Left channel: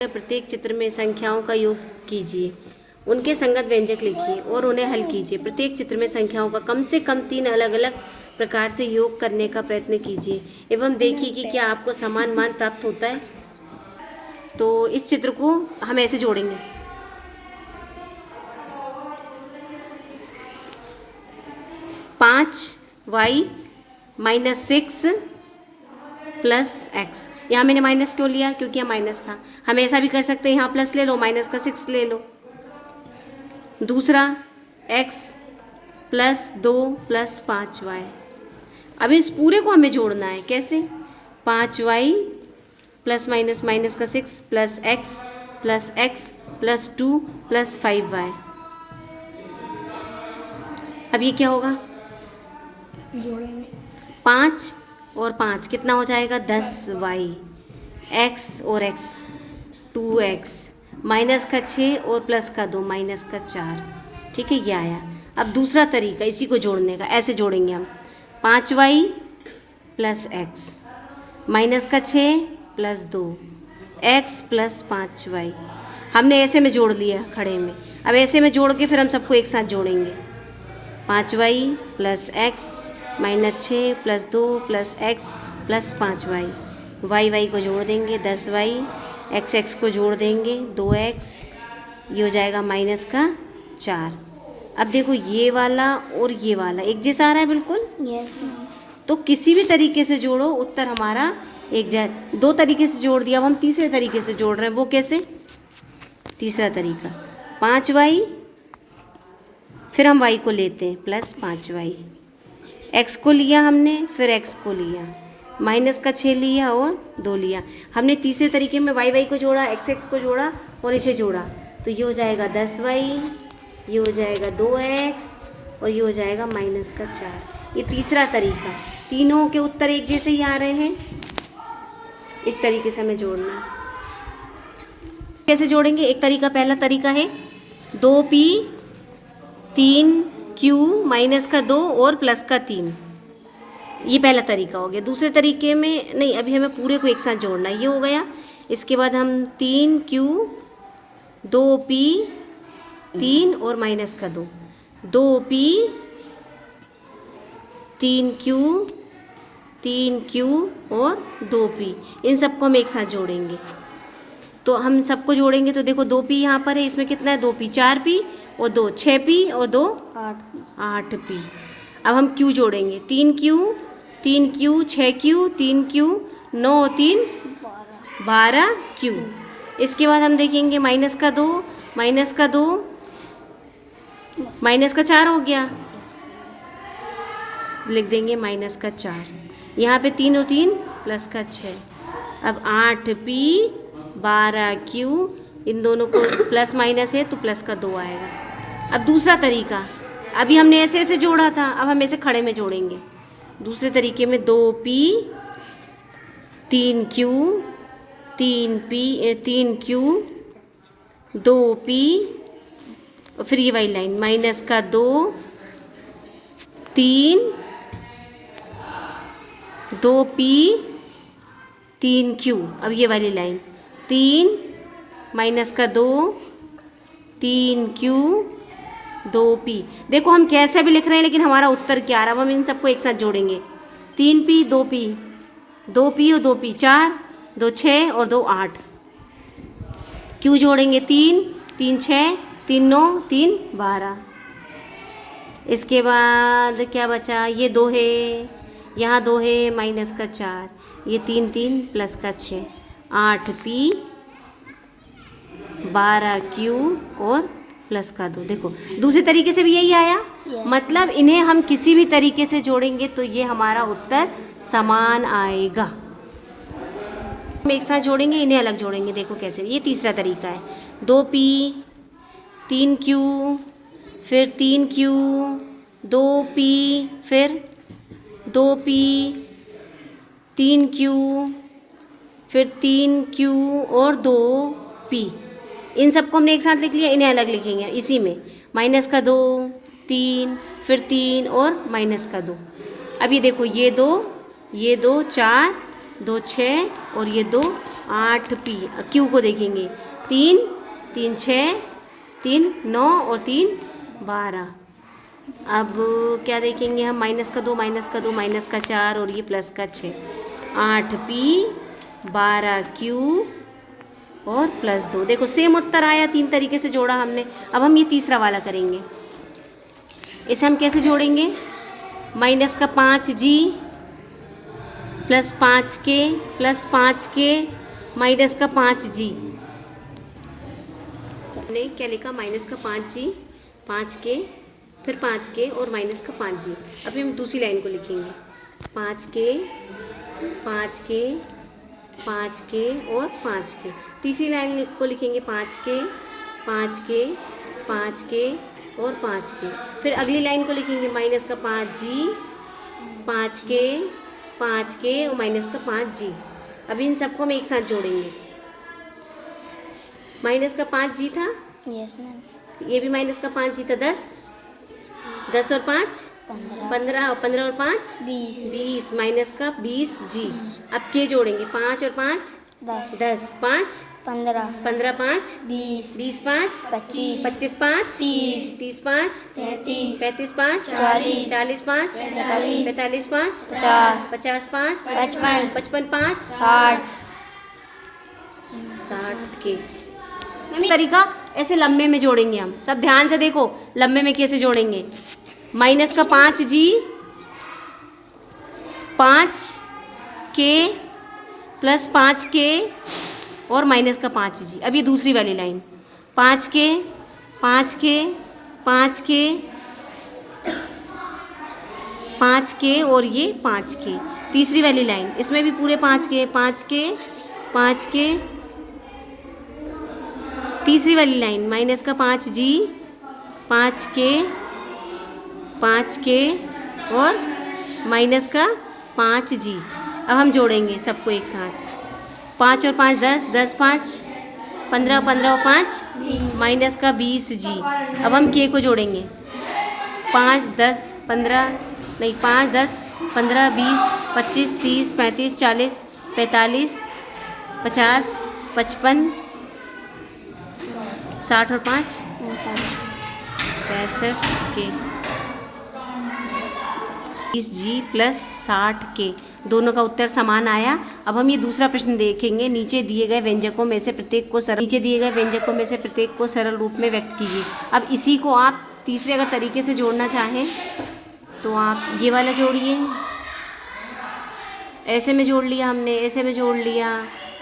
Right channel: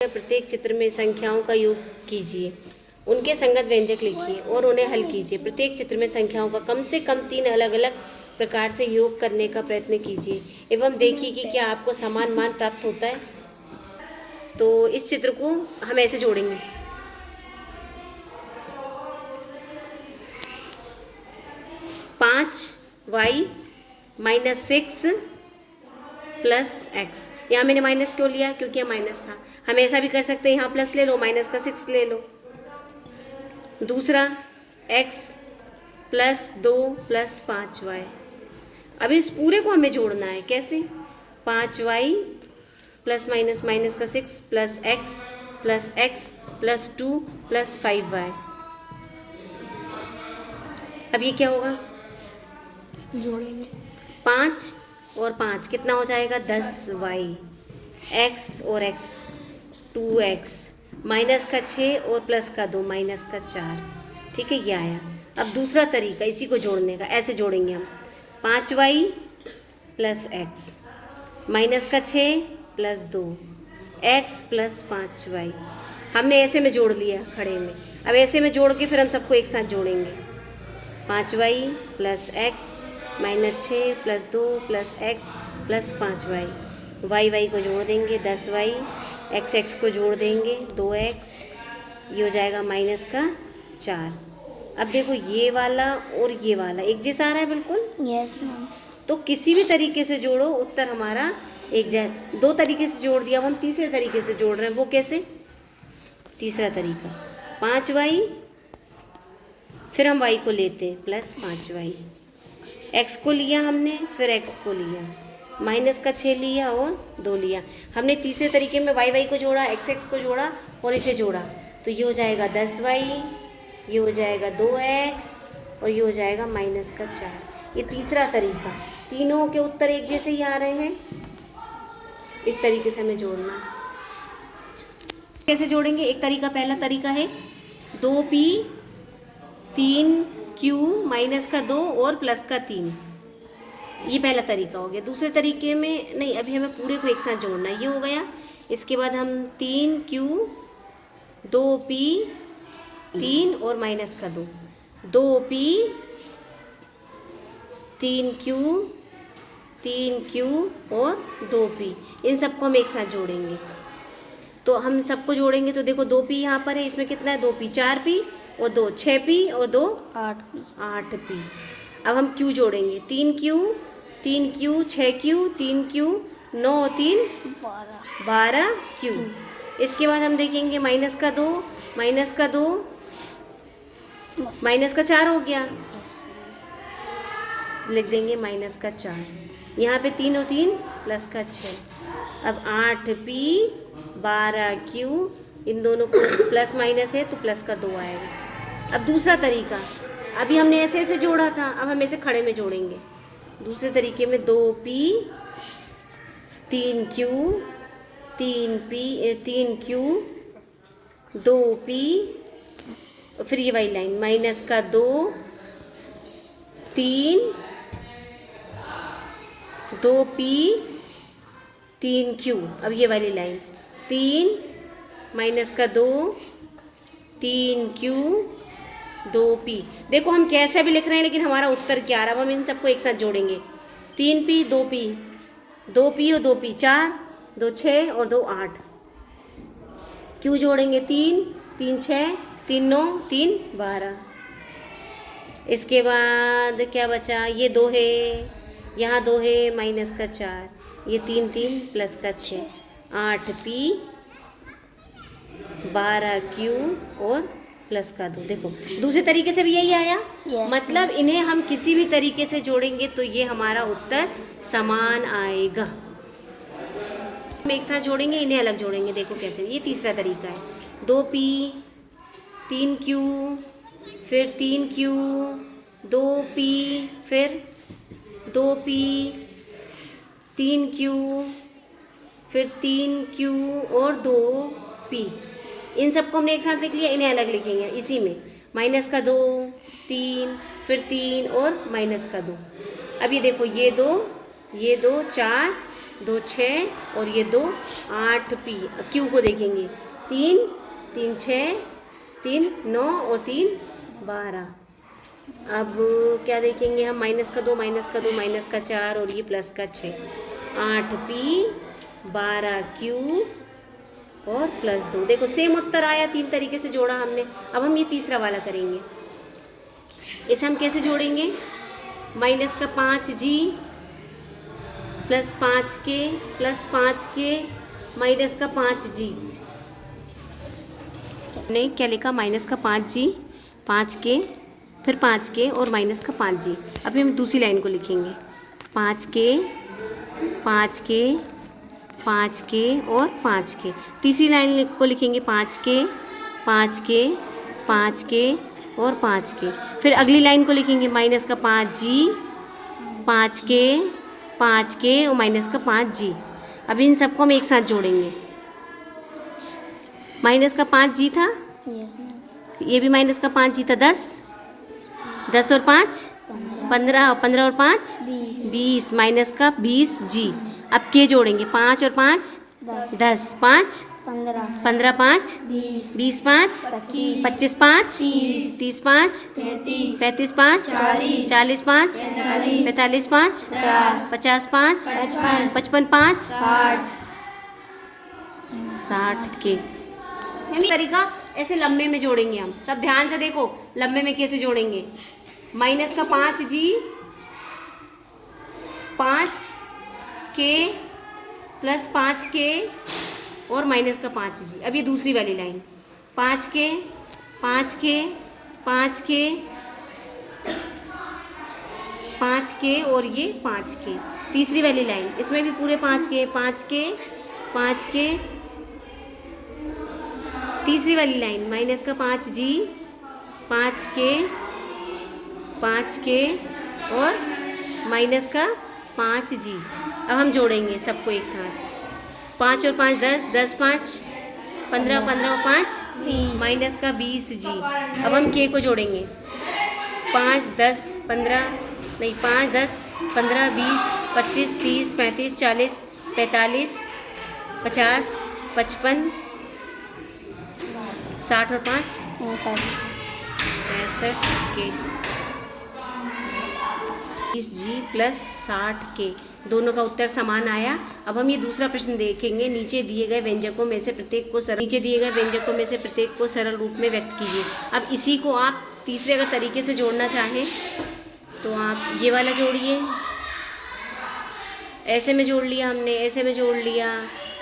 प्रत्येक चित्र में संख्याओं का योग कीजिए, उनके संगत व्यंजक लिखिए और उन्हें हल कीजिए। प्रत्येक चित्र में संख्याओं का कम से कम 3 अलग-अलग प्रकार से योग करने का प्रयत्न कीजिए एवं देखिए कि क्या आपको समान मान प्राप्त होता है। तो इस चित्र को हम ऐसे जोड़ेंगे। 5y - 6 plus x. यहाँ मैंने माइनस क्यों लिया? क्योंकि यहाँ माइनस था। हम ऐसा भी कर सकते हैं, यहाँ प्लस ले लो, माइनस का 6 ले लो। दूसरा x प्लस 2 प्लस 5y। अब इस पूरे को हमें जोड़ना है। कैसे? 5y प्लस माइनस माइनस का 6 plus x plus 2 plus 5y। अब ये क्या होगा? जोड़ेंगे 5 और 5 कितना हो जाएगा? 10y। x और x 2x माइनस का 6 और प्लस का 2 माइनस का 4। ठीक है, ये आया। अब दूसरा तरीका इसी को जोड़ने का, ऐसे जोड़ेंगे हम। 5y प्लस x माइनस का 6 प्लस 2 x प्लस 5y। हमने ऐसे में जोड़ लिया खड़े में। अब ऐसे में जोड़ के फिर हम सबको एक साथ जोड़ेंगे। 5y plus x minus 6 plus 2 plus x plus 5y। y को जोड़ देंगे 10y, x को जोड़ देंगे 2x, ये हो जाएगा माइनस का 4। अब देखो ये वाला और ये वाला एक जैसा आ रहा है बिल्कुल। Yes ma'am. तो किसी भी तरीके से जोड़ो, उत्तर हमारा एक जैसा। 2 तरीके से जोड़ दिया, अब हम तीसरे तरीके से जोड़ रहे हैं। वो कैसे? तीसरा तरीका 5y, फिर हम y को लेते हैं प्लस 5y। x को लिया हमने, फिर x को लिया, माइनस का 6 लिया और 2 लिया। हमने तीसरे तरीके में y को जोड़ा, x को जोड़ा और इसे जोड़ा। तो ये हो जाएगा 10y, ये हो जाएगा 2x और ये हो जाएगा माइनस का 4। ये तीसरा तरीका। तीनों के उत्तर एक जैसे ही आ रहे हैं। इस तरीके से हमें जोड़ना है। कैसे जोड़ेंगे? एक तरीका, पहला तरीका है 2p 3q माइनस का 2 और प्लस का 3। ये पहला तरीका हो गया। दूसरे तरीके में नहीं, अभी हमें पूरे को एक साथ जोड़ना है। ये हो गया। इसके बाद हम 3q 2p 3 और माइनस का 2 2p 3q और 2p, इन सबको हम एक साथ जोड़ेंगे। तो हम सबको जोड़ेंगे तो देखो 2p यहाँ पर है, इसमें कितना है? 2p 4p और 2 6p और 2 8p। अब हम q जोड़ेंगे 3q 6q 3q 9 3 12q। इसके बाद हम देखेंगे माइनस का 2 माइनस का 4 हो गया, लिख देंगे माइनस का 4। यहाँ पे 3 और 3 प्लस का 6। अब 8p 12q, इन दोनों को प्लस माइनस है तो प्लस का 2 आएगा। अब दूसरा तरीका, अभी हमने ऐसे ऐसे जोड़ा था, अब हम ऐसे खड़े में जोड़ेंगे। दूसरे तरीके में 2p 3q 2p और फिर ये वाली लाइन माइनस का 2 3 2p 3q। अब ये वाली लाइन 3 माइनस का 2 3q 2p। देखो हम कैसे भी लिख रहे हैं लेकिन हमारा उत्तर क्या आ रहा है। हम इन सबको एक साथ जोड़ेंगे। 3p 2p 2p और 2p 4 2 6 और 2 8। q जोड़ेंगे 3 3 6 3 9 3 12। इसके बाद क्या बचा? ये 2 है, यहाँ 2 है, माइनस का 4, ये 3 3 प्लस का 6 8p 12q और प्लस का 2। देखो दूसरे तरीके से भी यही आया। मतलब इन्हें हम किसी भी तरीके से जोड़ेंगे तो ये हमारा उत्तर समान आएगा। हम एक साथ जोड़ेंगे, इन्हें अलग जोड़ेंगे। देखो कैसे, ये तीसरा तरीका है 2p 3q फिर 3q 2p फिर 2p 3q फिर 3q और 2p। इन सबको हमने एक साथ लिख लिया, इन्हें अलग लिखेंगे। इसी में माइनस का 2 3 फिर 3 और माइनस का 2। अब ये देखो ये 2 4 2 6 और ये 2 8 पी। क्यू को देखेंगे 3 3 6 3 9 और 3 12। अब क्या देखेंगे हम, माइनस का 2 माइनस का 2 माइनस का 4 और ये प्लस का 6। 8 पी 12 क्यू और प्लस 2। देखो सेम उत्तर आया, 3 तरीके से जोड़ा हमने। अब हम ये तीसरा वाला करेंगे। इसे हम कैसे जोड़ेंगे, माइनस का 5g plus 5k plus 5k minus का 5g। हमने क्या लिखा, माइनस का 5g 5k फिर 5k और माइनस का 5g। अभी हम दूसरी लाइन को लिखेंगे 5k 5k 5k और 5k। तीसरी लाइन को लिखेंगे 5k 5k 5k और 5k। फिर अगली लाइन को लिखेंगे माइनस का 5g 5k 5k और माइनस का 5g। अभी इन सबको हम एक साथ जोड़ेंगे। माइनस का 5g था, यस मैम। ये भी माइनस का 5g था। 10 10 और 5 15 और 15 और 5 20 माइनस का 20g। अब के जोड़ेंगे 5 और 5 10 5 15 15 5 20 5 25 25 5 30 5 35 5 40 5 45 5 50 5 55 5 60 के। तरीका ऐसे लंबे में जोड़ेंगे हम। सब ध्यान से देखो, लंबे में कैसे जोड़ेंगे। माइनस का 5g 5k प्लस 5k और माइनस का 5g। अब ये दूसरी वाली line 5k 5k 5k 5k और ये 5k। तीसरी वाली लाइन, इसमें भी पूरे 5k 5k 5k। तीसरी वाली लाइन माइनस का 5g 5k 5k और माइनस का 5g। अब हम जोड़ेंगे सबको एक साथ। 5 और 5 10 10 5 15 15 और 5 माइनस का 20g। अब हम k को जोड़ेंगे 5 10 15 नहीं 5 10 15 20 25 30 35 40 45 50 55 60 और 5 65 के 20g प्लस 60k। दोनों का उत्तर समान आया। अब हम ये दूसरा प्रश्न देखेंगे। नीचे दिए गए व्यंजकों में से प्रत्येक को सरल रूप में व्यक्त कीजिए। अब इसी को आप तीसरे अगर तरीके से जोड़ना चाहें तो आप ये वाला जोड़िए। ऐसे में जोड़ लिया हमने, ऐसे में जोड़ लिया।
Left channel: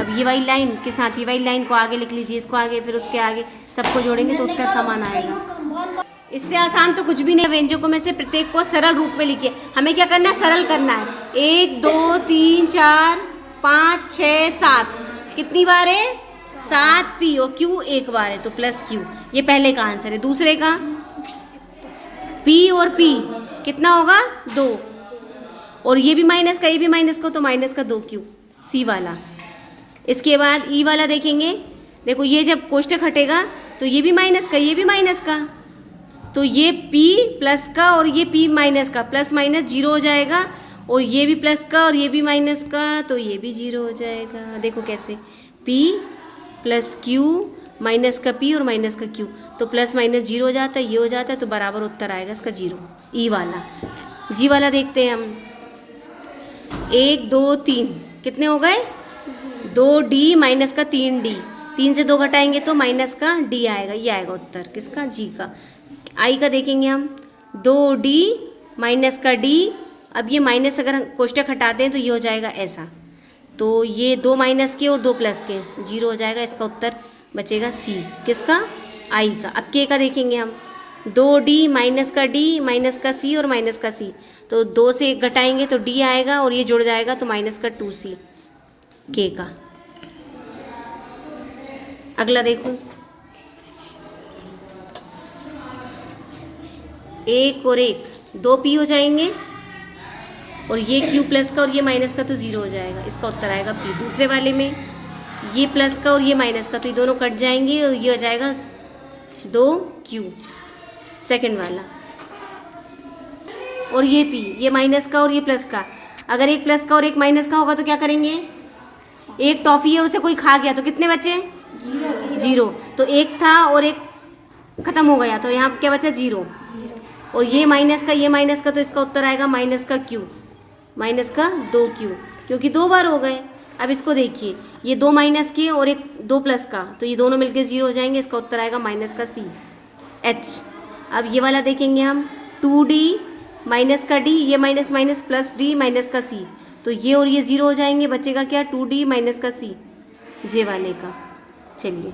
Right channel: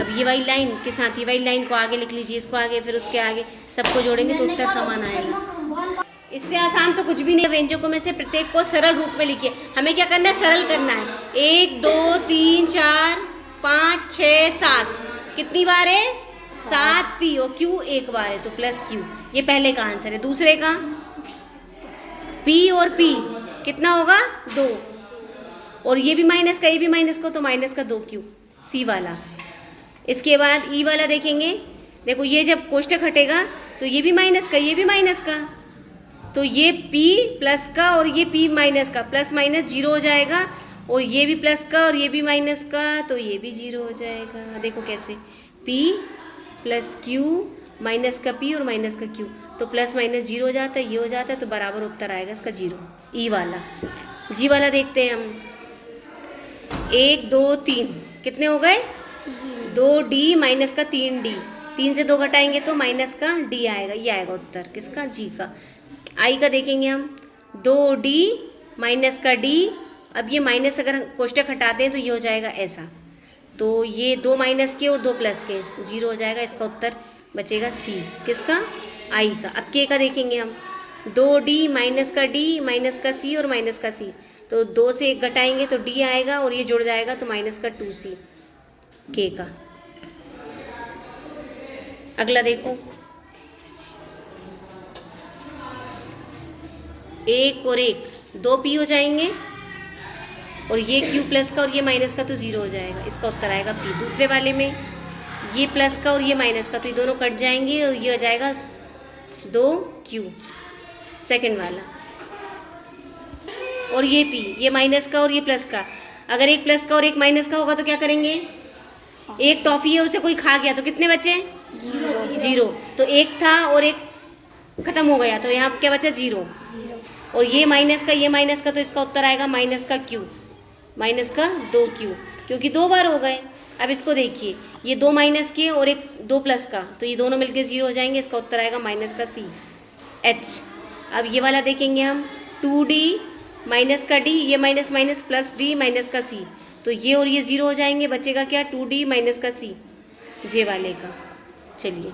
अब ये वाली लाइन के साथ ये वाली लाइन को आगे लिख लीजिए, इसको आगे फिर उसके आगे, सबको जोड़ेंगे तो उत्तर समान आएगा। इससे आसान तो कुछ भी नहीं। व्यंजकों में से प्रत्येक को सरल रूप में लिखिए। हमें क्या करना है, सरल करना है। 1 2 3 4 5 6 7 कितनी बार है, 7 p और q एक बार है तो प्लस q। ये पहले का आंसर है। दूसरे का p और p कितना होगा 2 और ये भी माइनस का, ये भी माइनस का तो माइनस का 2q c वाला। इसके बाद e वाला देखेंगे। देखो ये जब कोष्टक हटेगा तो ये भी माइनस का, ये भी माइनस का, तो ये p प्लस का और ये p माइनस का, प्लस माइनस 0 हो जाएगा। और ये भी प्लस का और ये भी माइनस का तो ये भी 0 हो जाएगा। देखो कैसे, p प्लस q माइनस का p और माइनस का q तो प्लस माइनस 0 हो जाता है, ये हो जाता है तो बराबर उत्तर आएगा इसका 0। e वाला। g वाला देखते हैं हम। 1 2 3 कितने हो गए, 2d माइनस का 3d। 3 से 2 घटाएंगे तो माइनस का d आएगा। ये आएगा उत्तर किसका, g का। आई का देखेंगे हम। 2d माइनस का d। अब ये माइनस अगर कोष्टक हटाते हैं तो ये हो जाएगा ऐसा, तो ये 2 माइनस के और 2 प्लस के 0 हो जाएगा। इसका उत्तर बचेगा c किसका, आई का। अब k का देखेंगे हम। 2d माइनस का d माइनस का c और माइनस का c तो 2 से 1 घटाएंगे तो d आएगा और ये जुड़ जाएगा तो माइनस का 2c k का। अगला देखो, 1 और 1 2p हो जाएंगे और ये q प्लस का और ये माइनस का तो 0 हो जाएगा। इसका उत्तर आएगा p। दूसरे वाले में ये प्लस का और ये माइनस का तो ये दोनों कट जाएंगे और ये हो जाएगा 2q सेकंड वाला। और ये p, ये माइनस का और ये प्लस का अगर एक प्लस का और एक माइनस का होगा तो क्या करेंगे? एक टॉफी है उसे कोई खा गया तो कितने बचे? 0। तो एक था और एक खत्म हो गया तो यहाँ क्या बचा? 0। और ये माइनस का तो इसका उत्तर आएगा माइनस का क्यू, माइनस का 2Q, क्योंकि 2 बार हो गए। अब इसको देखिए, ये 2 माइनस के और एक 2 प्लस का, तो ये दोनों मिलके 0 हो जाएंगे। इसका उत्तर आएगा माइनस का C H। अब ये वाला देखेंगे हम, 2D माइनस का D, ये minus minus plus D minus का C, तो ये और ये 0 हो जाएंगे। बचेगा क्या? 2D माइनस का C, जे वाले का। चलिए